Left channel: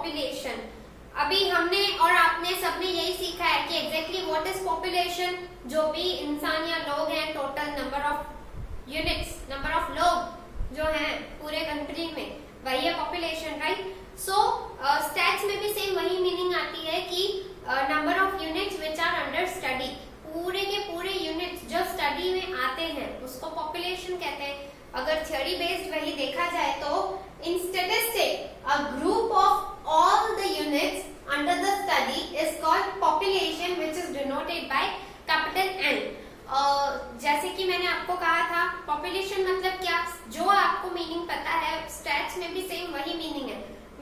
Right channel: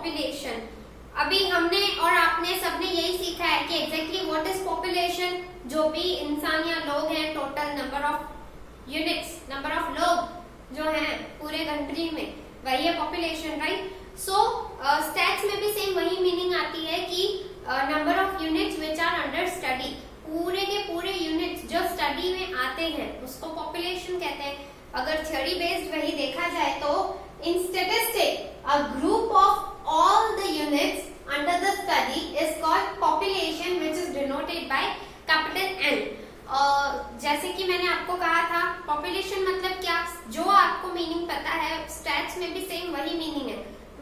Population. अभी हमने और आपने सबने यही सीखा है कि एग्जैक्टली व्हाट इज पॉपुलेशन। जो भी इंसान या लोग हैं, total number of units, number of लोग जो हैं पूरे कंट्री में, वही है पॉपुलेशन, राइट। सो स्टैट्स में भी सेम वही मीनिंग आती है कि number of units which are under study. पूरे के पूरे यूनिट्स जो स्टडी में आते हैं उसको पॉपुलेशन कहते हैं। अगर थ्योरी बेस्ड वही देखा जाए तो in statistic a group of all the units under the study is called population which is denoted by capital N. जैसे कि मैंने आपको कहा था, पॉपुलेशन मतलब क्या, जो आपको मीनिंग पता है स्टैट्स में भी सेम वही मीनिंग है।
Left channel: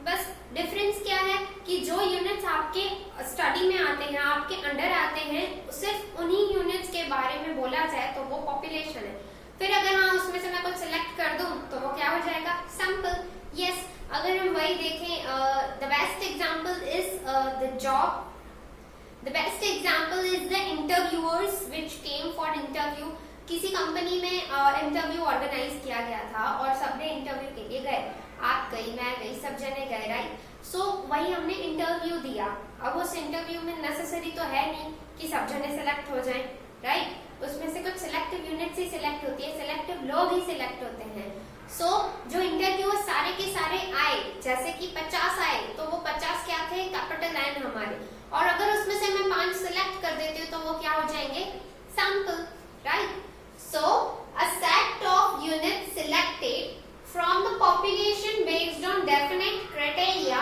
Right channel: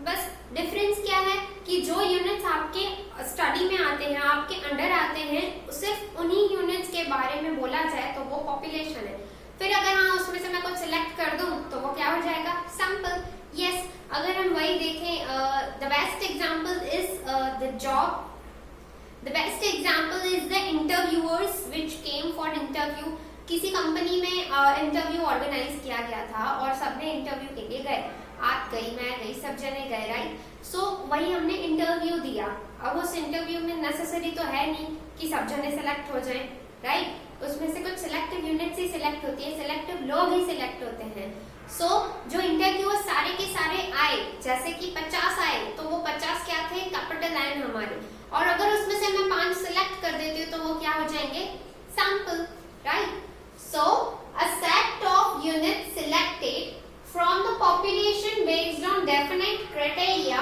बस डिफरेंस क्या है कि जो यूनिट्स आपके स्टडी में आते हैं, आपके अंडर आते हैं, सिर्फ उन्हीं यूनिट्स के बारे में बोला जाए तो वो पॉपुलेशन है। फिर अगर हाँ उसमें से मैं कुछ सिलेक्ट कर दूं तो वो क्या हो जाएगा, सैंपल। यस, अगर हम वही देखें, the best example is the job, the best example is the interviewers which came for interview. किसी कंपनी में इंटरव्यू ऑर्गेनाइज किया गया था और सबने इंटरव्यू के लिए गए, आप गई, मैं गई, सब जने गए, राइट। सो वही हमने इंटरव्यू दिया। अब उस इंटरव्यू में नेसेसरी तो है नहीं कि सब जने सिलेक्ट हो जाएं, राइट। उसमें से कुछ सिलेक्टिव यूनिट्स ही सिलेक्ट होती है, सिलेक्टिव लोग ही सिलेक्ट होते हैं। सो जो इंटरव्यूअर सारे के सारे आए, जैसे कि 50 आए, तो वो 50 क्या थे, कैपिटल एन हमारे। और अगर उसमें से मैं 5 सिलेक्ट कर देती हूँ तो वो क्या हो जाएंगे, sample, right. So a set of units selected from the population based on definite criteria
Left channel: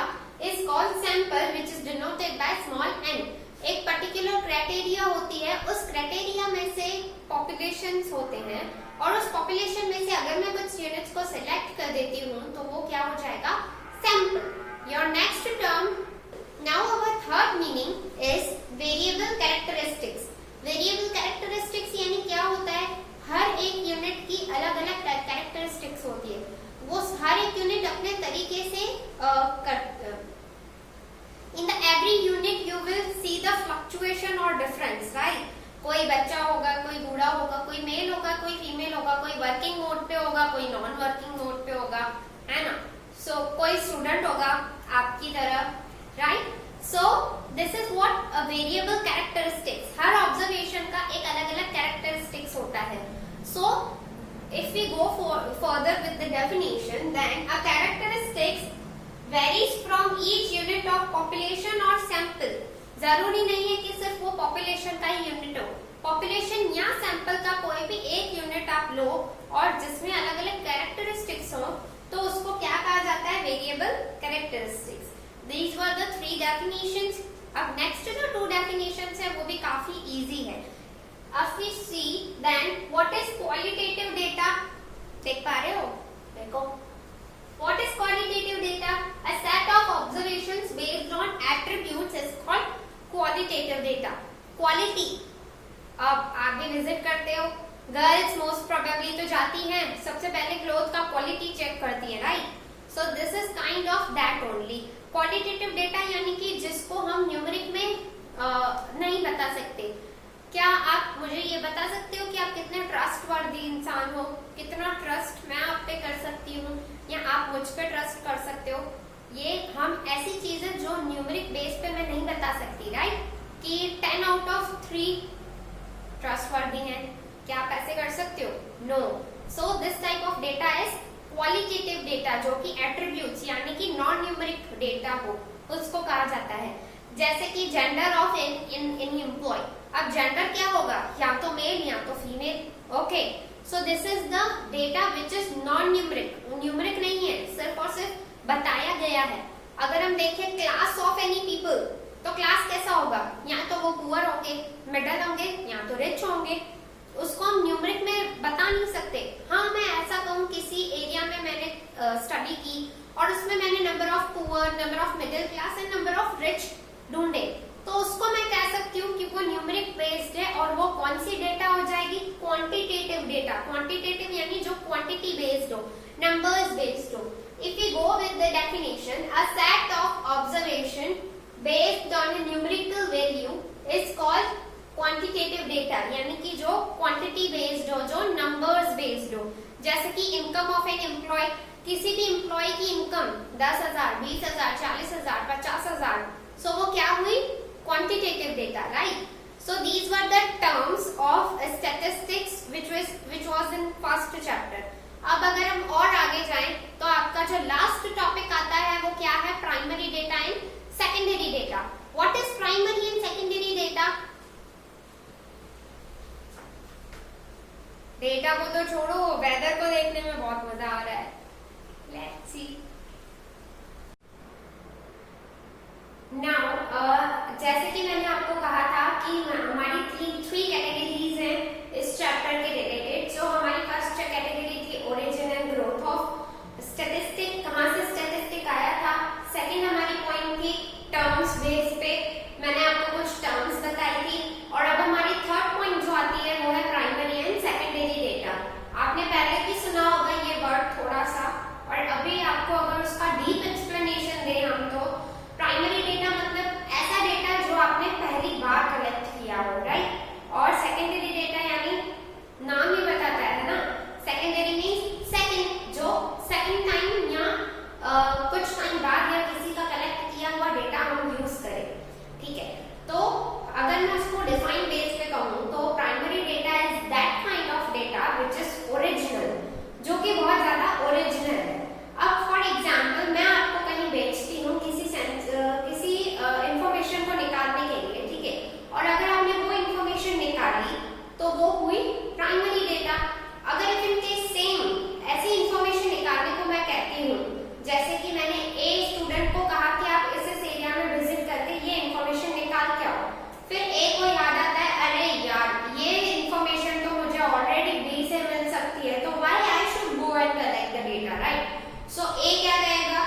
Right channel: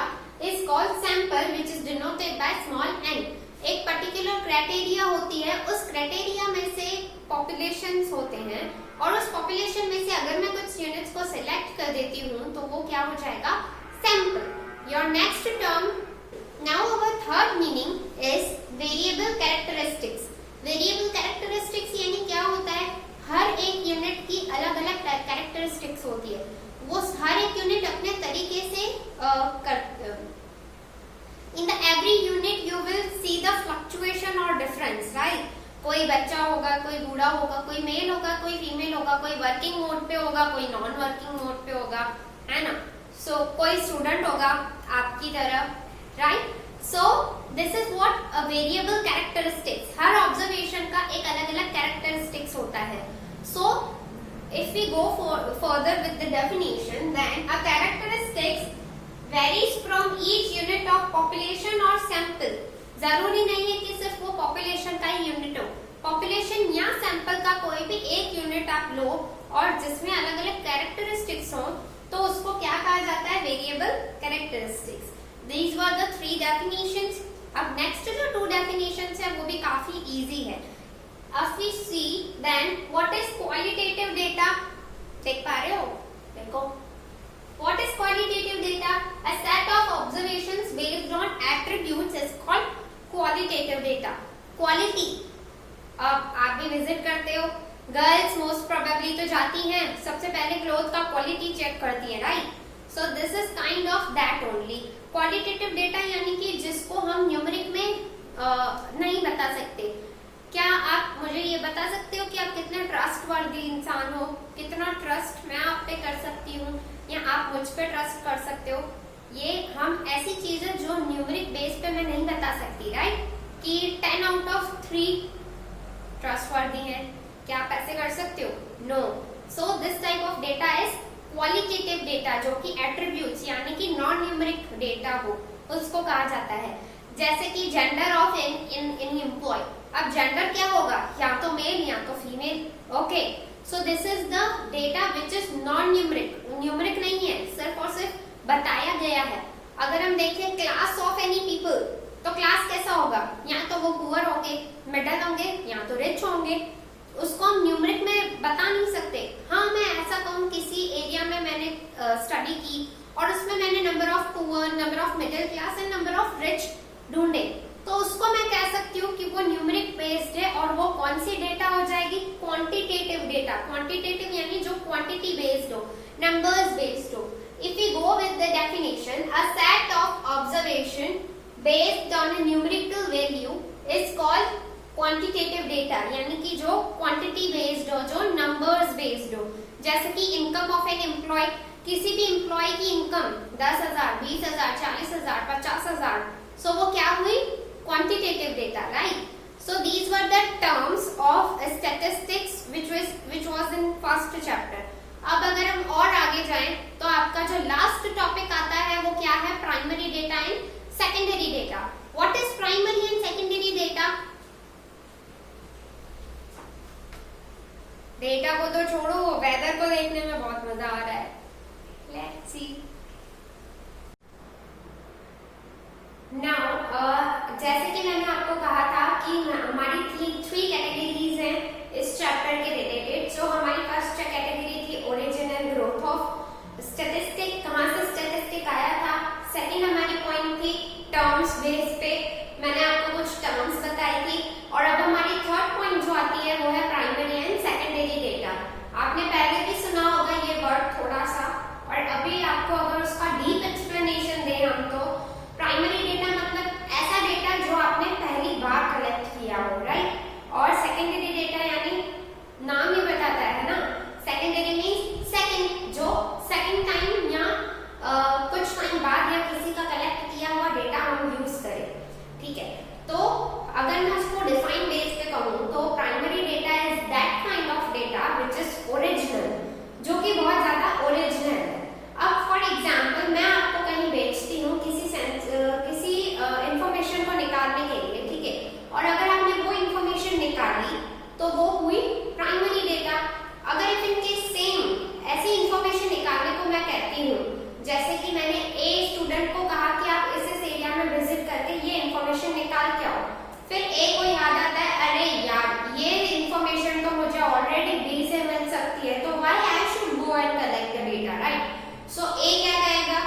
is called sample which is denoted by small n। एक पर्टिकुलर क्राइटेरिया होती है, उस क्राइटेरिया में से पॉपुलेशंस होते हैं और उस पॉपुलेशन में से अगर मैं कुछ यूनिट्स को सिलेक्ट कर देती हूँ तो वो क्या हो जाएगा, sample. Your next term, now our third meaning is variable characteristics. Variable characteristics यानी क्या होता है, हर एक यूनिट की अलग अलग कैरेक्टरिस्टिक्स होती है। वो हर एक यूनिट अपने तरीके से in the every unit you will see the fluctuation और डिफरेंस, राइट। कोई बच्चा होगा, कोई बूढ़ा होगा, कोई मेल होगा, कोई फीमेल होगा, कोई वर्किंग मोड पे होगा, कोई नॉन वर्किंग मोड पे होगा, है ना। सो कोई स्टूडेंट होगा आपकी तरह, right. So this is what a variable characteristics. Her observation का एक अलग अलग कैरेक्टरिस्टिक्स होता है। सो if we go further with the definition, then a characteristics varies from each unit of population or sample। जरूरी नहीं है कि सिर्फ वो population का ही यूनिट हो, population या sample का कोई भी एक यूनिट आप लो और जिसमें अलग अलग कैरेक्टरिस्टिक्स हो तो उसको क्या कहा जाता है, variable characteristics. These were the 3 definitions। अब नेक्स्ट जो 2 definitions है वो भी काफी इजी है। If we see then what is qualitative data, देख पा रहे हो, देखो what is qualitative data, a set of observations based on attributes is called qualitative data। quality, अब आप भी विजिट करते हो, गर्ल्स मोस्ट प्रोबेबली तो जाती हैं, सबसे पहले क्लोथ का क्वालिटी चेक करती है, right. So this is kind of that only. Qualitative data यानी कि जिसको हम न्यूमेरिक में नहीं बता सकते। क्या आप मुझे ये बता सकते हो कि आप कितने ट्रस्टवर्दी इंसान हो, कितना ट्रस्ट मैं आप पे कर सकती हूँ या आप मुझ पे ट्रस्ट कर सकते हो। ये हम ऐसी चीजें जो न्यूमेरिक बेस पे मैं नहीं बता सकती, राइट, कि 10 आउट ऑफ 3 ट्रस्टवर्दी हैं, क्या आप ऐसे कर सकते हो, no. So this type of data is qualitative data, जो कि एट्रीब्यूट्स यानी कि नॉन न्यूमेरिक डेटा हो उसको कहा जाता है। जैसे कि जेंडर ऑफ इन एम्प्लॉय, अब जेंडर क्या होगा, या तो मेल या तो female, okay. So this is the data which is non numeric, numeric नहीं है, सिर्फ और सिर्फ बताया गया है। अगर हम देखें क्लास ऑफ एनी पीपल, तो क्लास कैसा होगा, या तो वो पुअर होंगे, मिडल होंगे, या तो रिच होंगे, उसको हम न्यूमेरिक में बता नहीं सकते। हाँ, मैं ऐसा कहूँ किसी एरिया में मैंने स्टडी की और उसमें मैंने number of poor, number of middle class and number of rich ढूंढे, तो उसको मैं कह सकती हूँ कि वो न्यूमेरिक बेस्ड है और वो कौन सी डेटा हो जाएगी, क्वांटिटेटिव डेटा। क्वांटिटेटिव यानी जो क्वांटिटी बेस्ड हो, नंबर्स बेस्ड हो। If we go with the definition, a set of observation based on a numerical value is called quantitative data, यानी कि जो क्वांटिटी बेस्ड हो, जो नंबर्स बेस्ड हो। जैसे कि इनकम ऑफ एन एम्प्लॉय, किसी भी एम्प्लॉय की इनकम 10,000, 20,000, 40,000, 50,000, सो वो क्या हुई? Quantitative data, right? So these were the terms of statistics which was in first chapter. अब अगर हम और आगे जाएं तो आपका जो लास्ट टॉपिक आता है वो क्या है? Primary data and secondary data. What is primary and secondary data? Data को तो छोड़ो, वेदर को देखने में बहुत मजा आ रहा है. Let's see. नाउ जैसे कि मैंने आपको कहा था कि हमारी थ्री कैटेगरीज हैं इस चैप्टर के रिलेटेड. सो हमारी फर्स्ट कैटेगरी थी origin and growth of statistic. कहाँ से स्टैटिस्टिक आया था? सेकंड हमारी पॉइंट थी टर्म्स बेस पे. मैंने आपको कुछ टर्म्स बताई थी. और अब हमारी थर्ड पॉइंट जो आती है वो है प्राइमरी एंड सेकेंडरी डेटा. आपने पहले भी सुना होगा ये वर्ड थोड़ा सा, और अभी आपको अगर उसका डीप एक्सप्लेनेशन दें हम तो प्राइमरी डेटा मतलब ऐसा डेटा जो आपने पहली बार कलेक्ट किया हो, राइट? और सेकेंडरी डेटा यानी नाम ही बताता है ना, सेकेंडरी मीन्स सेकंड, जो सेकंड टाइम या कुछ टाइम बाद या किसी का कलेक्ट किया हुआ डेटा हम यूज करें. ठीक है, तो अगर मैं उसको डिफाइन बेस पे कहूँ तो primary data is that kind of data which is original, जो कि बहुत ज्यादा ओरिजिनल है. अब फॉर एग्जाम्पल मैं आपको कहीं बेचती हूँ किसी इंफॉर्मेशन को निकालने के लिए, ठीक है, और अगर आपने वो इंफॉर्मेशन निकाली तो वो हुई प्राइमरी डेटा. अगर इफ इन केस सेम ऐसी इंफॉर्मेशन निकालने को मैं कहती हूँ, जैसे कि मैंने ए स्टूडेंट को कहा कि आप इस एरिया में विजिट करके ये इंफॉर्मेशन निकाल के आओ, फिर ए को याद आता है अरे यार ये इंफॉर्मेशन तो मुझे ऑलरेडी बी से मिल सकती है, तो why I should go and collect the data, right? So A क्या कहेगा?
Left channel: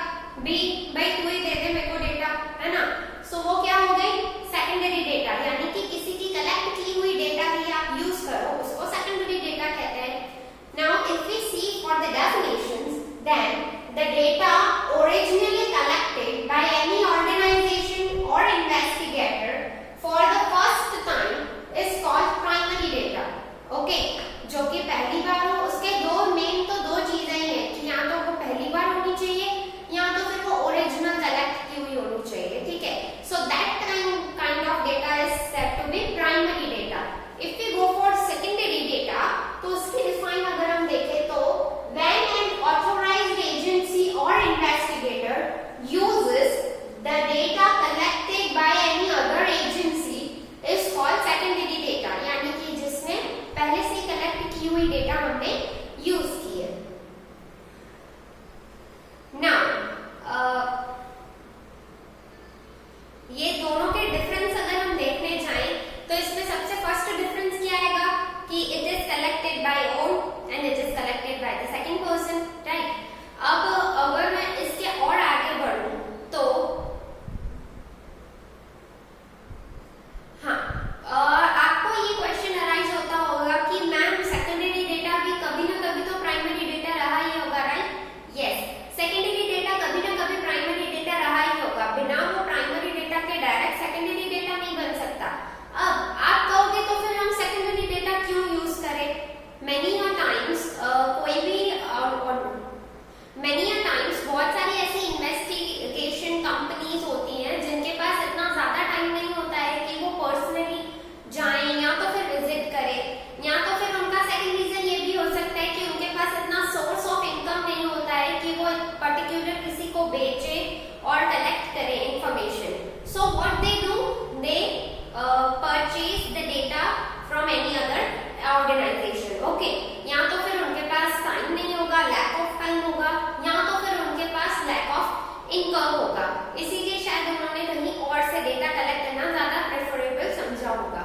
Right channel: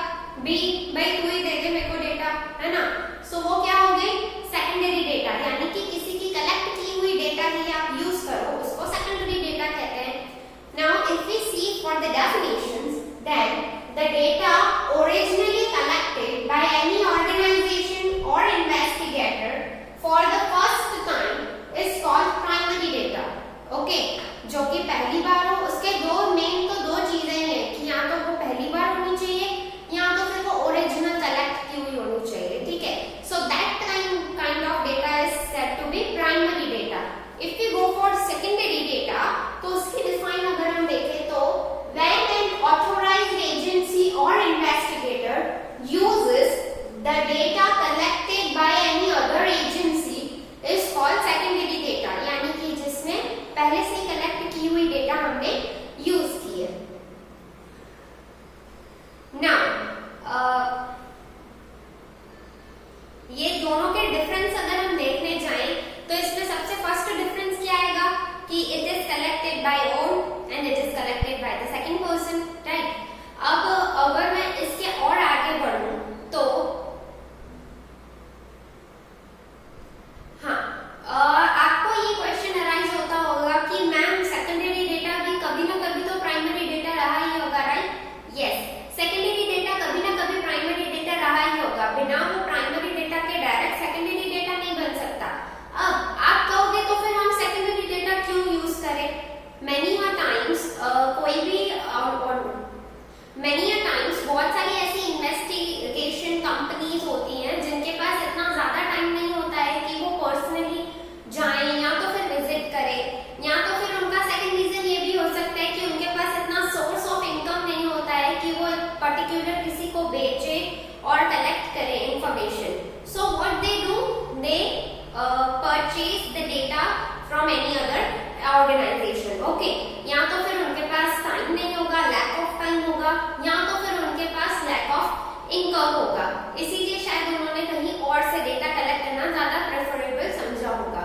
बी, भाई तू ही दे दे मेरे को डेटा, है ना? सो वो क्या हो गई? सेकेंडरी डेटा, यानी कि किसी की कलेक्ट की हुई डेटा ही आप यूज करो, उसको सेकेंडरी डेटा कहते हैं. Now if we see for the definitions, then the data originally collected by any organisation और investigator for the first time is called primary data. Okay, जो कि पहली बार हो. उसके दो चीजें ही है कि या तो वो पहली बार होनी चाहिए या तो फिर वो ओरिजिनल कलेक्ट की हुई होनी चाहिए. ठीक है, so that kind of data is said to be primary data. If we go for secondary data तो उसकी डिफाइन अगर हम देखें तो व्हेन एन ऑथोराइज्ड एजेंसी और investigator uses the data collected by any other agency is called secondary data, यानी कि जिसने पहले से कलेक्ट की हुई डेटा हमने यूज की है. नाउ ये दोनों के डिफरेंस अगर हम देखने जाएं तो इसमें सबसे फर्स्ट डिफरेंस क्या आएगा कि it is collected by own and it is collected by the second person, right? अब अगर मैं इसके और आगे बढ़ूं तो हाँ, आपको ये क्वेश्चन अराइज होता होगा कि मैम सेकेंडरी डेटा भी कभी ना कभी तो प्राइमरी डेटा रहा ही होगा, राइट? यस, सेकेंडरी डेटा कभी ना कभी प्राइमरी डेटा रहा ही होगा. बिना वो प्राइमरी डेटा के डायरेक्ट सेकेंडरी डेटा नहीं बन सकता. अब आप कहोगे तो फिर हम सेकेंडरी डेटा क्यों यूज करें? मेनी टाइम्स बहुत सारी ऐसी इन्वेस्टिगेशन कंपनीज होती हैं जिनके पास इतना ज्यादा टाइम नहीं होता है कि वो पर्सनली जाएं या तो फिर विजिट करें, या तो फिर उनका सेकंड रीजन ये भी हो सकता है कि उनके पास इतना सोर्स ऑफ इनकम नहीं होता है कि वो पर्टिकुलर किसी को बेचे और कलेक्ट करे information. So what they do, they purchase the data from any other organization. Okay, या तो फिर उनके पास टाइम नहीं होगा, लैक ऑफ टाइम होगा, या तो फिर उनके पास लैक ऑफ इनकम होगा, इसीलिए शायद उन्होंने कहीं और से डेटा कलेक्ट करना ज्यादा प्रेफरेबल समझा होगा.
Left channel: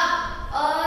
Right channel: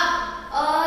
अब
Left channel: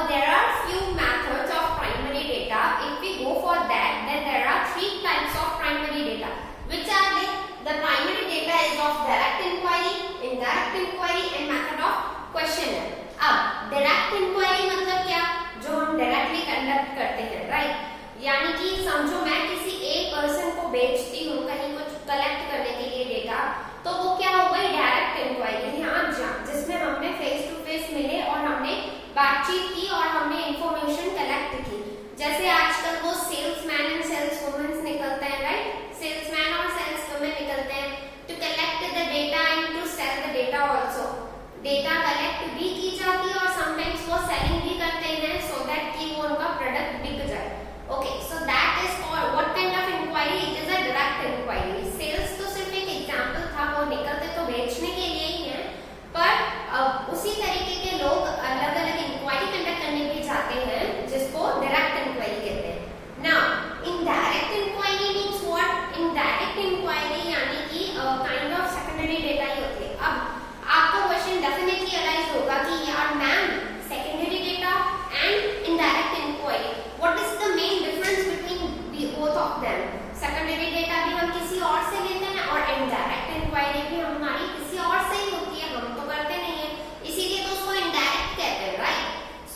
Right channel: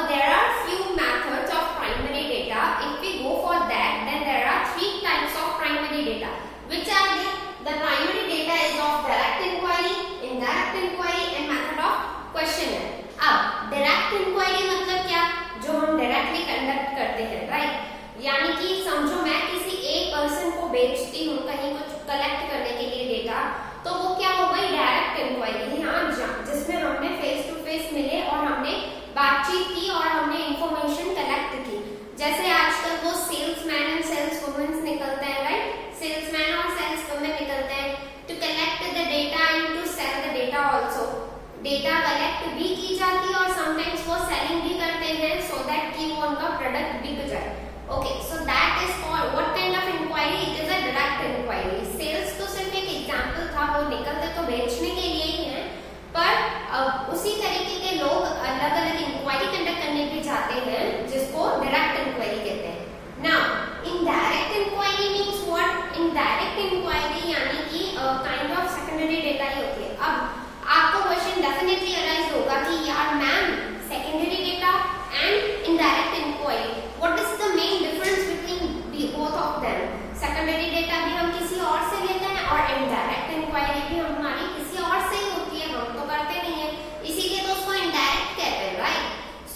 there are few methods of primary data. If we go for that, then there are three types of primary data. Which are they? The primary data is of direct inquiry, indirect inquiry, and method of questionnaire. अब direct inquiry मतलब क्या? जो हम directly conduct करते हैं, right? यानी कि समझो मैं किसी एक पर्सन को बेचती हूँ कहीं कुछ कलेक्ट करने के लिए डेटा, तो वो क्या हो गई? Direct inquiry. यहाँ जिसमें हमने फेस टू फेस मिले और हमने बातचीत की और हमने इंफॉर्मेशन कलेक्ट की. जैसे आजकल वो सेल्समैन एंड सेल्स वुमेन्स निकलते हैं, राइट? डेटा कलेक्ट भी की जाती है और समटाइम्स वो सेलिंग भी करते हैं सो दैट कि वो उनका प्रोडक्ट बिक जाए। Okay, so that is called what kind of inquiry? It is a direct inquiry. Sales तो सिर्फ एक एग्जांपल था, वो निकलते तो बेचने के लिए ही है, पर उसी तरीके के लोग अलग अलग इंक्वायरी कंडक्ट करने भी जाते हैं जिसको डायरेक्ट इंक्वायरी कहते हैं। Now indirect inquiry means what? Indirect inquiry यानी कि काइंड ऑफ सेकेंडरी डेटा ही होती है। अब आपको क्वेश्चन डेफिनेटली अराइज होगा कि यार ma'am, secondary data and indirect inquiry, what is the main difference between both of them? Secondary data भी हम किसी और से लेते हैं और इनडायरेक्ट इंक्वायरी भी हमारी किसी और से ही होती है, हम तो करते नहीं है, इसीलिए तो उसको इनडायरेक्ट कहते हैं, right?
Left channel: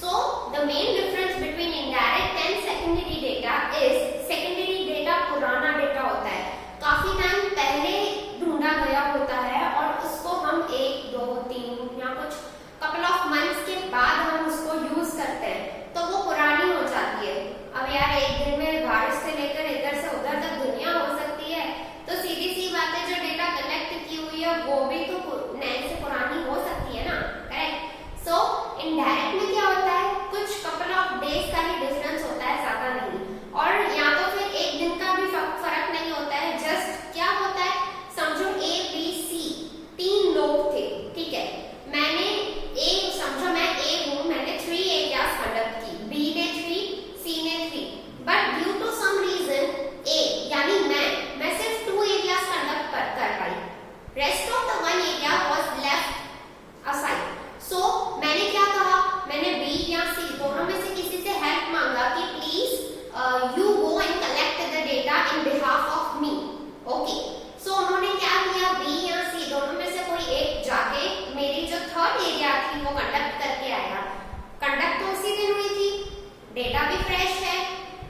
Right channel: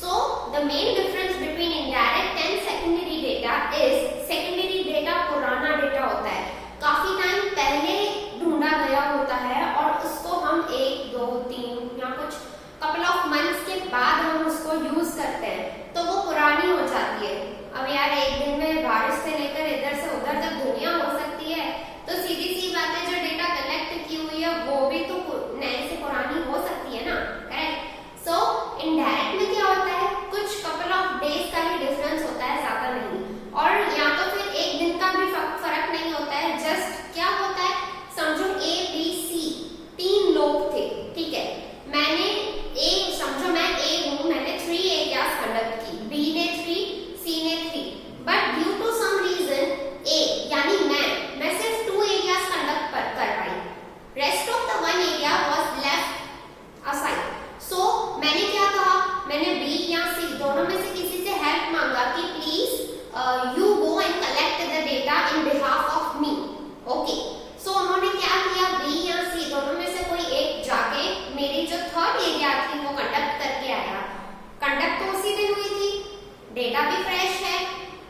So the main difference between indirect and secondary data is, secondary data पुराना डेटा होता है, काफी टाइम पहले ढूंढा गया होता है और उसको हम 1, 2, 3 या कुछ कपल ऑफ मंथ्स के बाद हम उसको यूज करते हैं, तो वो पुरानी हो जाती है। अब यार एक दिन में बारिश से लेकर इधर से उधर तक दुनिया हो सकती है, तो सीधी सी बात है जो डेटा कलेक्ट की हुई है वो भी तो नए से पुरानी हो सकती है ना, करेक्ट? सो इनडायरेक्ट में क्या होता है, कुछ कपल ऑफ डेज का ही डिफरेंस होता है, ज्यादा नहीं, और या तो फिर एक दिन का भी फर्क नहीं होता है। जस्ट क्या होता है, समझो A, B, C 3 लोग थे, ठीक है, मैंने समझो मैं A हूं, मैंने 3 एरियाज कंडक्ट की, B ने 3, C ने 3, but due to some reason A यानी मैं सिर्फ 2 एरियाज कंडक्ट कर पाई, rest of the 1 area was left aside. So मैंने क्या कहा, मैंने B या C दोनों में से किसी से हेल्प मांगा कि please you go and collect the data in behalf of me. Okay. So उन्होंने क्या किया, B या C दोनों में से कोई एक जाके मेरी जो थर्ड एरिया थी वो कंडक्ट करके आया। कंडक्ट तो उसी दिन हुई थी, डेटा भी फ्रेश है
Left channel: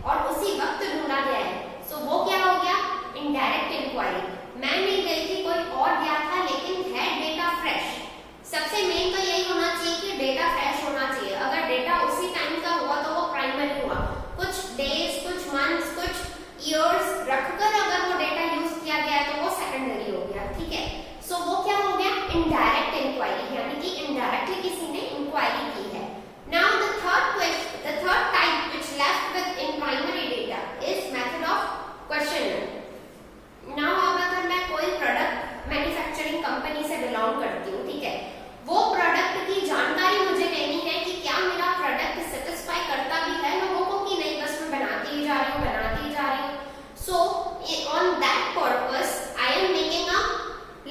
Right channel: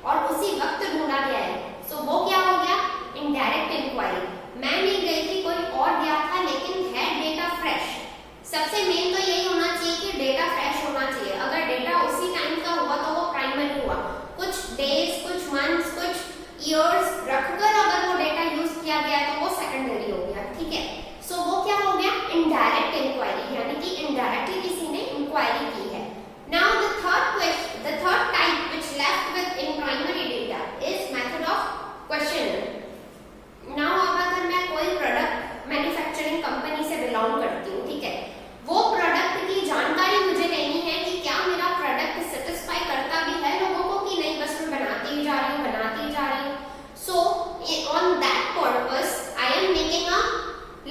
और उसी वक्त ढूंढा गया है। सो वो क्या हो गया, इनडायरेक्ट इंक्वायरी। मैं नहीं गई थी, कोई और गया था, लेकिन है डेटा फ्रेश। सबसे मेन तो यही होना चाहिए कि डेटा फ्रेश होना चाहिए। अगर डेटा उसी टाइम का हुआ तो वो प्राइमरी हुआ, कुछ डेज, कुछ मंथ्स, कुछ ईयर्स रखकर अगर वो डेटा यूज किया गया तो वो सेकेंडरी हो गया, ठीक है? सो वो क्या हो गया, इनडायरेक्ट इंक्वायरी, यानी कि इनडायरेक्टली किसी ने इंक्वायरी की है। Now the third type which left with in primary data is method of question. Now अगर मैं कोई प्रोडक्ट मैन्युफैक्चरिंग कंपनी से बिलोंग करती हूँ, ठीक है, वो प्रोडक्ट की जानकारी मुझे लेनी है कि क्या मेरा प्रोडक्ट सेटिस्फाई करता भी है लोगों को कि नहीं, बस मैं बनाती जा रही हूँ। So on that purpose I am making a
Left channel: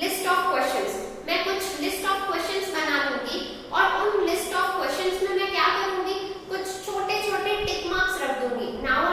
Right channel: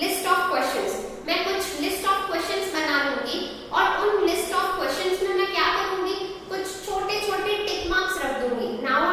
list of questions. मैं कुछ लिस्ट ऑफ क्वेश्चंस बना लूंगी और उन लिस्ट ऑफ क्वेश्चंस में मैं क्या करूंगी, कुछ छोटे छोटे टिक मार्क्स रख दूंगी। नाउ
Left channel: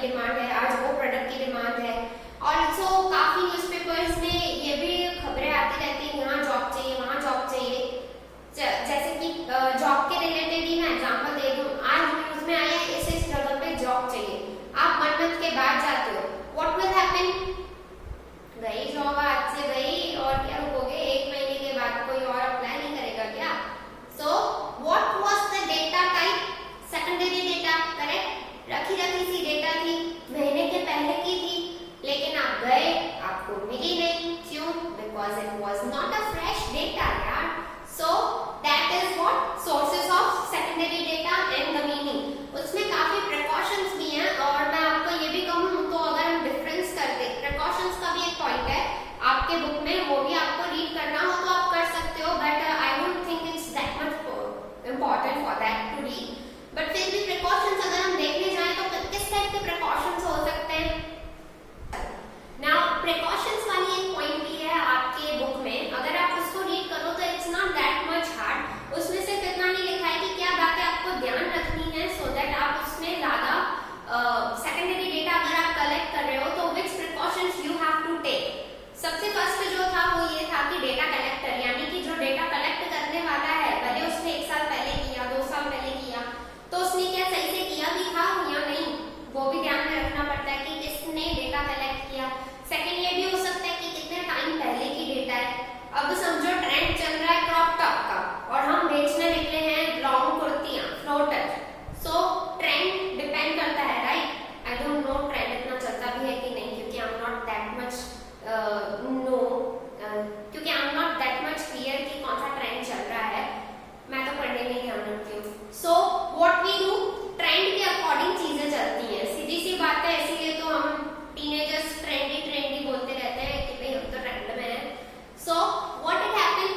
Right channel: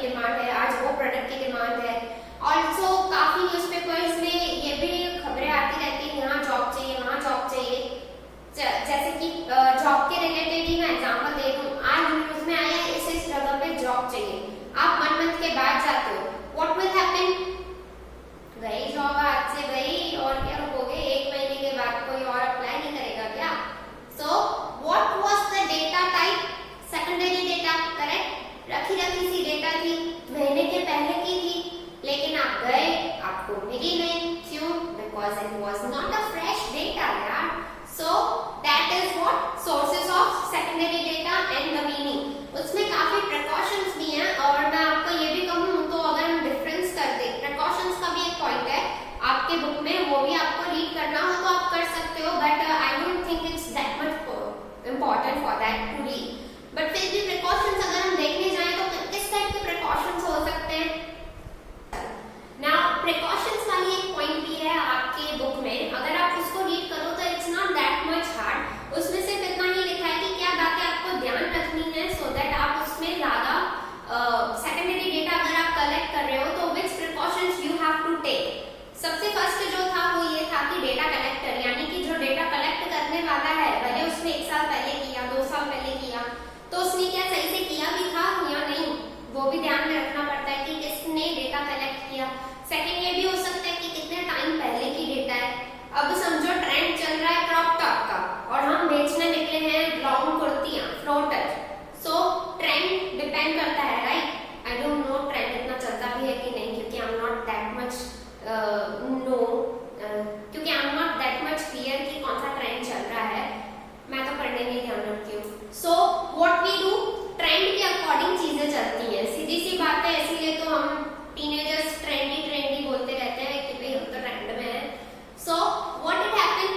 की डिमांड है, आज वो प्रोडक्ट की डिमांड है। ऑल्सो काफी न्यूज़पेपर्स में ये भी खबरें आती रहती है, यहाँ जॉब चाहिए, वहाँ जॉब चाहिए। जैसे कि जॉब के रिलेटेड ही मैं एग्जांपल दे दूं, आज न्यूज में आया इस जगह पे जॉब चाहिए, आप 1 मंथ के बाद जाते हो, व्हाट विल हैपन, गई जॉब आज से गई और क्या रुकोगे, 1 महीने के बाद कोई और अप्लाई नहीं करेगा क्या? So what was the data type, secondary data, correct, रखी सी डेटा थी, महीने के पहले की थी, लेकिन आप गए, आपको मिली नहीं, क्यों? Because it was not a fresh data यार। So that is what sources of secondary data and the meaning. उसमें काफी प्रिकॉशंस भी हैं, और मैं आपको ये भी कहूँ तो अगर हम डिफरेंस कर दे, प्रिकॉशंस का भी एक पॉइंट है आपके बुक में, वो भी आपको रीड करना हो तो आप कर सकते हो, but I don't think it's that much important for that to read. But फिर भी प्रिकॉशंस अगर हम देखने जाएं तो किस टाइप के प्रिकॉशंस हो सकते हैं? नाउ प्रिकॉशंस वाली एक पॉइंट भी है आपके बुक में, अगर आप उसको रीड करो तो it's not that much hard. उसमें सिर्फ इतना ही लिखा है कि क्या बातें आपको ध्यान रखनी है, सो दैट आप उसमें ज्यादा सेकेंडरी डेटा अगर आप कलेक्ट कर रहे हो तो which precautions you have to take. सबसे फर्स्ट जो था वो ये था कि डेटा कलेक्टर, यानी कि जो डेटा कलेक्ट करने वाला है, भले उसने 1 साल पहले किया, 2 साल पहले किया, तो उसने क्या सही से किया भी था या नहीं, वो भी ध्यान में रखना पड़ता है कि किसने डेटा कलेक्ट किया। सेकेंड ये भी हो सकता है कि कितने टाइम पहले की डेटा है। अब समझो ट्रेंड चल रहा है क्रॉप टॉप का और हम बेचने निकले हैं लॉन्ग कुर्तियां, फ्लोटर, सो ट्रेंड डिपेंड करता है, right. I don't know trend इतना चलता भी है कि नहीं, क्योंकि I am not that much क्योंकि I am not that much clear कि कौन सा ट्रेंड चल रहा है, मैं तो पढ़ने में ध्यान रखती हूँ। So what we do, trend के अकॉर्डिंग चीजें चलती हैं, सीधी सी बात है, इसीलिए तो हम टीनेजर्स ट्रेंडी ट्रेंडी बोलते रहते हैं कि भाई हम तो ट्रेंड में है। सो व्हाट इट हैपन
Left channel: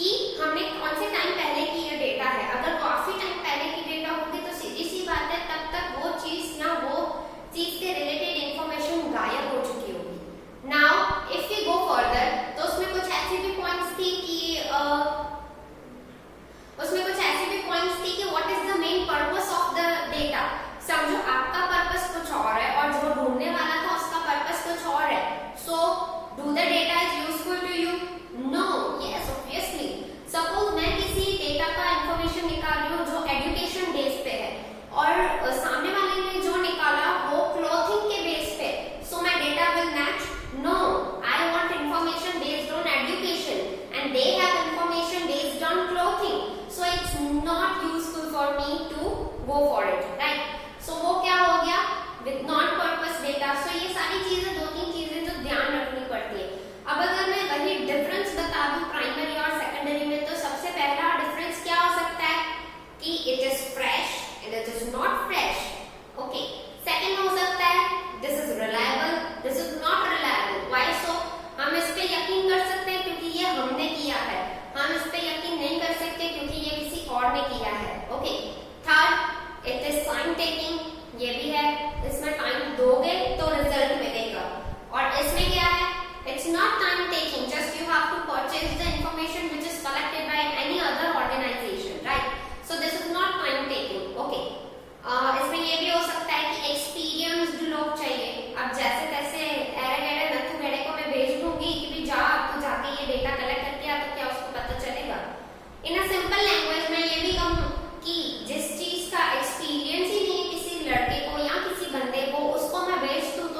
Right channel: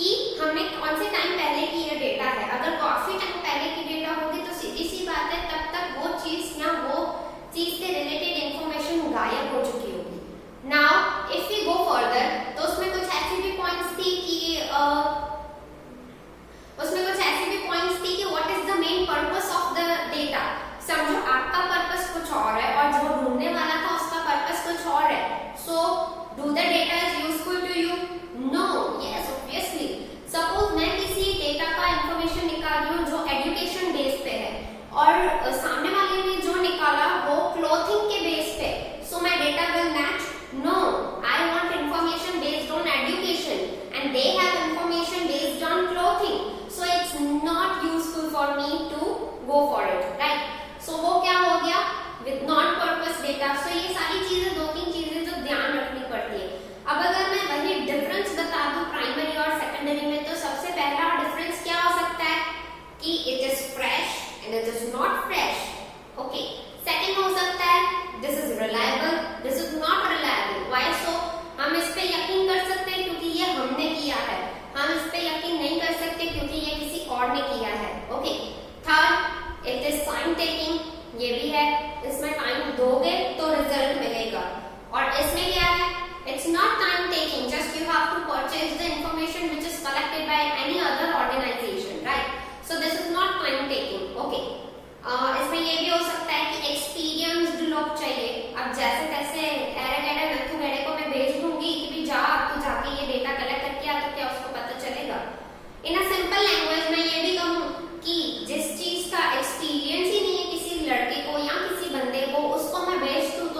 कि हमने कौन से टाइम पहले की ये डेटा है, अगर काफी टाइम पहले की डेटा होगी तो सीधी सी बात है तब तक वो चीज या वो चीज से रिलेटेड इंफॉर्मेशन गायब हो चुकी होगी। Now if we go further तो उसमें कुछ ऐसी भी पॉइंट्स थी कि what is the main purpose of the data. समझो आपका पर्पस कुछ और है और जो ढूंढने वाला था उसका पर्पस कुछ और है, so do the data is useful to you? No, yes obviously. Suppose मैं किसी डेटा का इंफॉर्मेशन निकाल रही हूँ जो एजुकेशन बेस पे है और सामने वाले ने जो निकाला वो क्लोथिंग के बेस पे, so my data will match? No, I want information based on education and they have information based on clothing, so it's not useful for me to go for it, right. So वो क्या हो गया, with non purpose data. So ये सारी चीजें, 2-3 चीजें जो ध्यान रखनी पड़ती है। अब अगर मैं वही डिफरेंस बता दूं प्राइमरी और सेकेंडरी में, तो सबसे पहला डिफरेंस क्या हो सकता है कि it is fresh and it is not fresh, okay. Second हो सकता है this is reliable, this is not reliable. Why so? हम इस पे यकीन कर सकते हैं क्योंकि ये हमने किया है, हम इस पे यकीन नहीं कर सकते क्योंकि ये किसी और ने किया है, okay. Third, it is time taking, ये भी है, इसमें टाइम दोगे तो रिजल्ट मिलेगा। और इसमें क्या है, it's not time taking, just you have to purchase the information which is collected by any other organization, right. So this is not time taking, okay. इसमें ये भी हो सकता है कि एक्सपीरियंस्ड लोग चाहिए। अब जैसे तैसे एरे गैरे नथु गैरे को मैं भेज दूंगी कि भी जा तू जाके ये डेटा कलेक्ट करके आ, तो क्या उसको पता चलेगा? इन अ सिंपल लैंग्वेज मैं ये भी कहूँ कि जिस चीज का एक्सपीरियंस ही नहीं है किसी लड़के को या किसी बंदे को, उसको मैं भेज दूं तो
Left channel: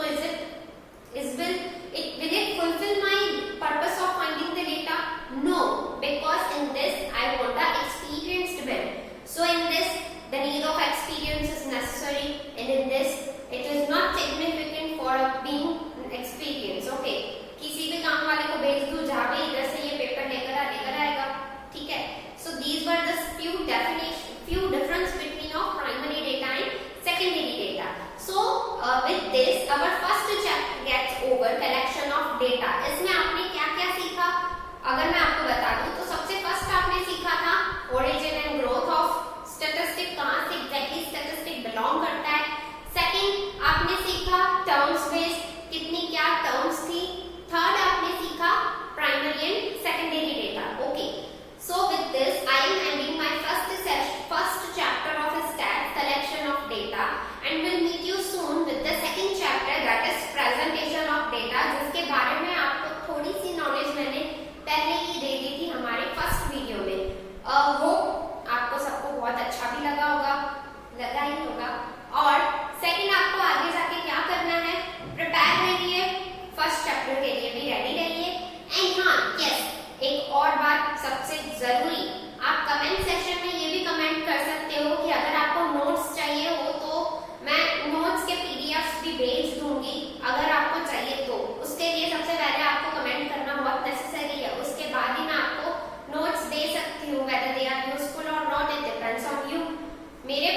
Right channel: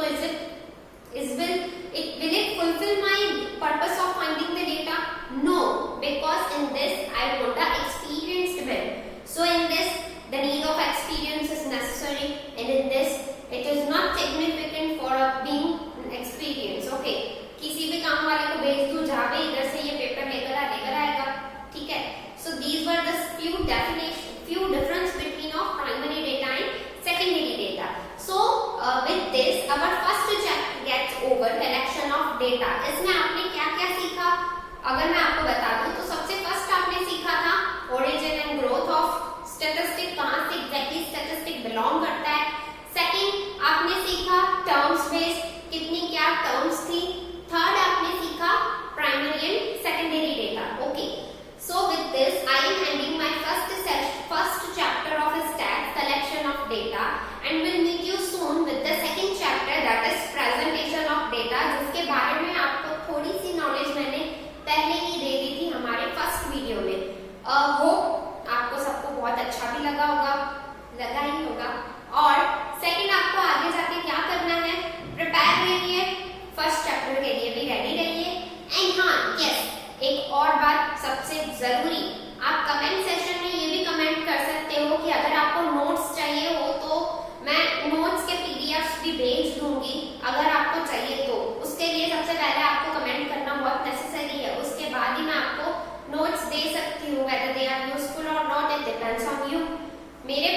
will it fulfill my purpose of finding the data? No, because in this I want the experienced man. So in this the need of experience is necessary, and in this it is not significant for being experienced, okay. किसी भी काम वाले को भेज दूं, जा भाई इधर से ये पेपर लेकर आएगा, ठीक है। So these were the few difference between of primary data and secondary data. So with this our first chapter gets over, collection of data. इसमें आपने क्या क्या सीखा अगर मैं आपको बता दूं तो सबसे फर्स्ट आपने सीखा था origin and growth of statistic, कहाँ से exactly statistic belong करता है। सेकंड आपने सीखा terms based, कितनी क्या terms थी। थर्ड आपने सीखा primary and secondary data, okay. So with this I am ending my first chapter of stats, collection of data, and will meet you soon with the second chapter के लिए भी ready रहिए। And हाँ yes, एक और बात सबसे जरूरी, आप कमेंट सेशन में ये भी कमेंट कर सकते हो कि अगर आपको नोट्स चाहिए हो तो मैं नोट्स के पीडीएफ भी भेज दूंगी, अगर आपको चाहिए तो। उसके लिए सबसे पहले आपको कमेंट करना बहुत नेसेसरी है, उसके बाद ही मैं आपको नोट्स दे सकती हूँ। वेदर दे आर यूजफुल और not, it depends on you. मेरे